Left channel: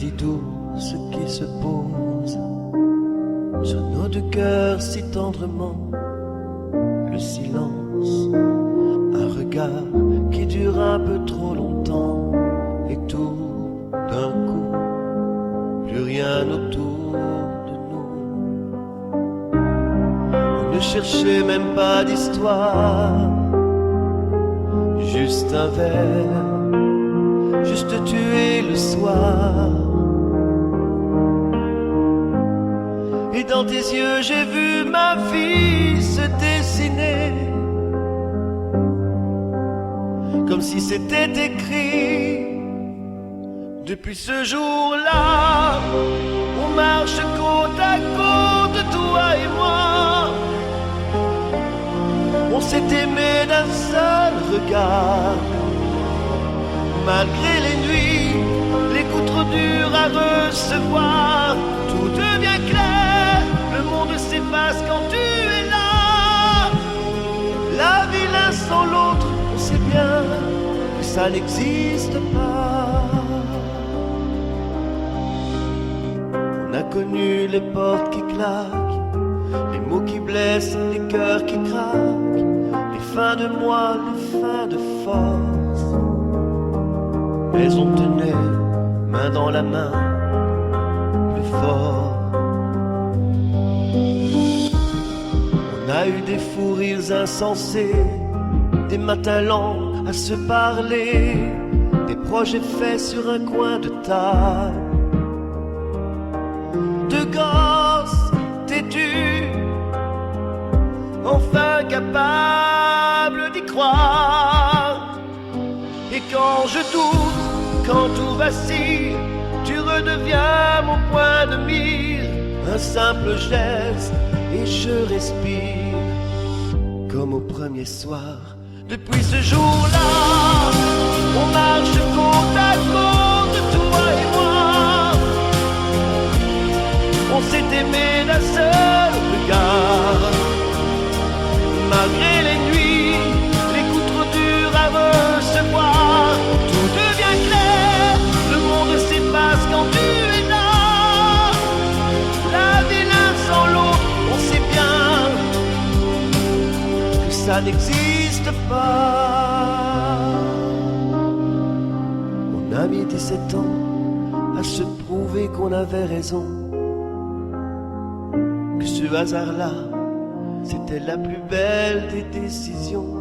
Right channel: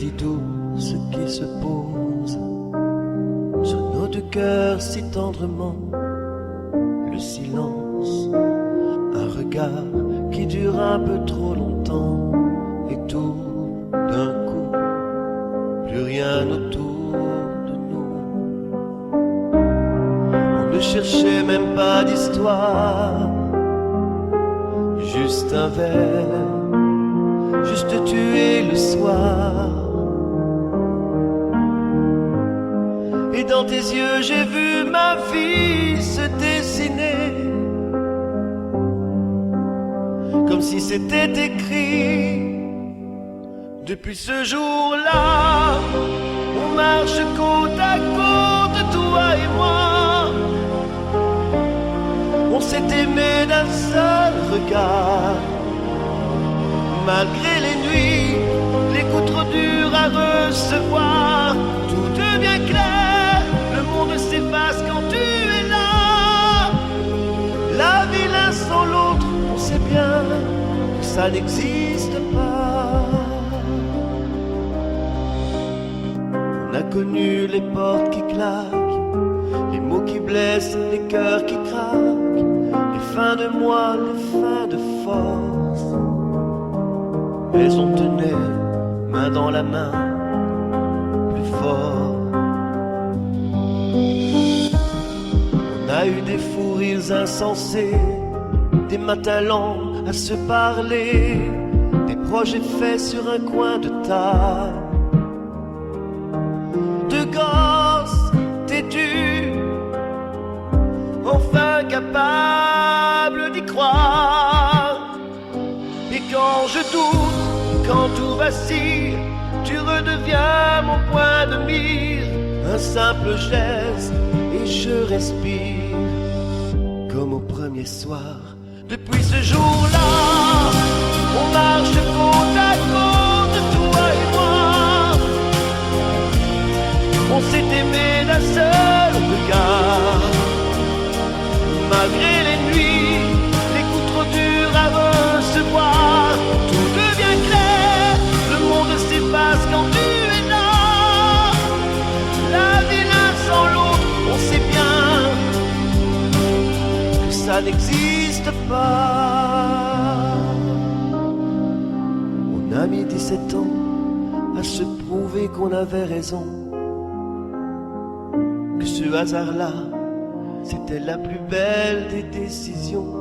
dit tout ce qui se pose sur nos deux cœurs si tendrement. Le silence, un regard qui dure un peu trop longtemps, et tout d'un coup, plus rien autour de nous. On ne cherchait même pas d'histoire, juste un verre, juste tuer le soir. Et dans tes yeux j'ai vu ma vie se dessiner, comme si c'était écrit. Depuis ce jour-là, on marche côte à côte, toi et moi. On s'est aimé d'un seul regard. Malgré les nuits, les coups trop durs à recevoir, tout devient clair, le monde s'efface quand tu es là. La vie l'un sans l'autre, on sait bien que ça n'existe pas. On a connu les portes qui claquent, les mots qui blessent, les cœurs qui craquent, les fins de mois, les fins de force. Mais on tenait main dans la main, plus fort. On a eu des fous rires insensés, des matins lents à se parler, des projets faits sur un coin de table, de gosses têtus, enfin capables d'y croire. Et quand je doute, quand tout vacille, tu redeviens mon point de mire. Un simple geste et je respire, comme au premier soir. Depuis ce jour-là, on marche côte à côte, toi et moi. On s'est aimé d'un seul regard. Malgré les nuits, les coups trop durs à recevoir, tout devient clair, le monde s'efface quand tu es là. La vie l'un sans l'autre, on sait bien que ça n'existe pas. On a mis 17 ans à se prouver qu'on avait raison, que ce hasard-là, c'était la plus belle des décisions.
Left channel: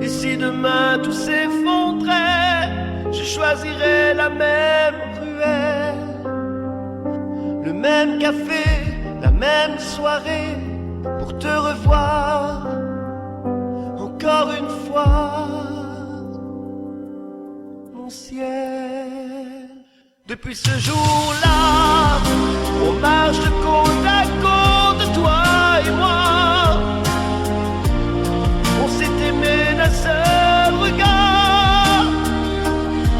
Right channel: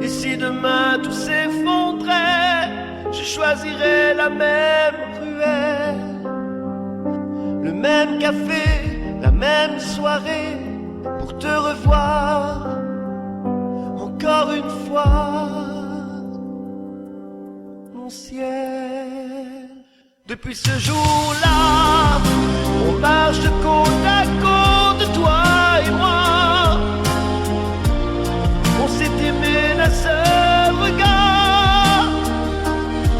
Et si demain tout s'effondrait, je choisirais la même ruelle, le même café, la même soirée, pour te revoir encore une fois, mon ciel. Depuis ce jour-là, on marche côte à côte, toi et moi. On s'est aimé d'un seul regard.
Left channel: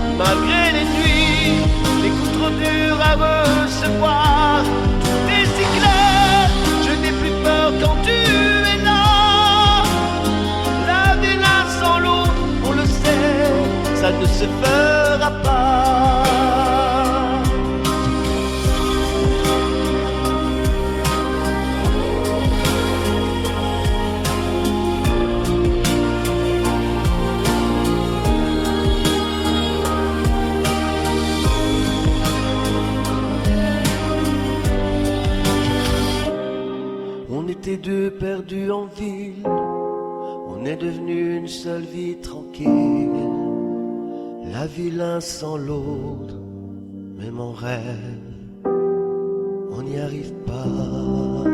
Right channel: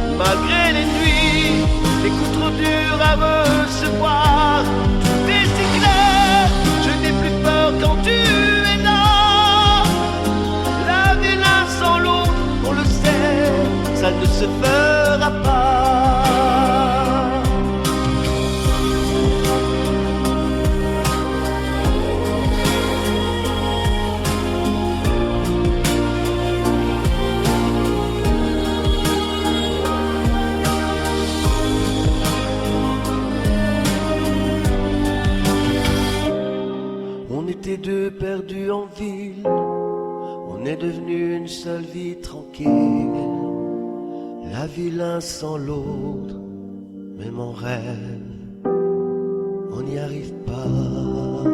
Malgré les nuits, les coups trop durs à recevoir, tout est si clair, je n'ai plus peur quand tu es là. La vie l'un sans l'autre, on le sait, ça ne se fera pas. On était deux perdus en ville, on est devenu une seule vie tranquille. La vie l'un sans l'autre, même en rêve, on n'y arrive pas.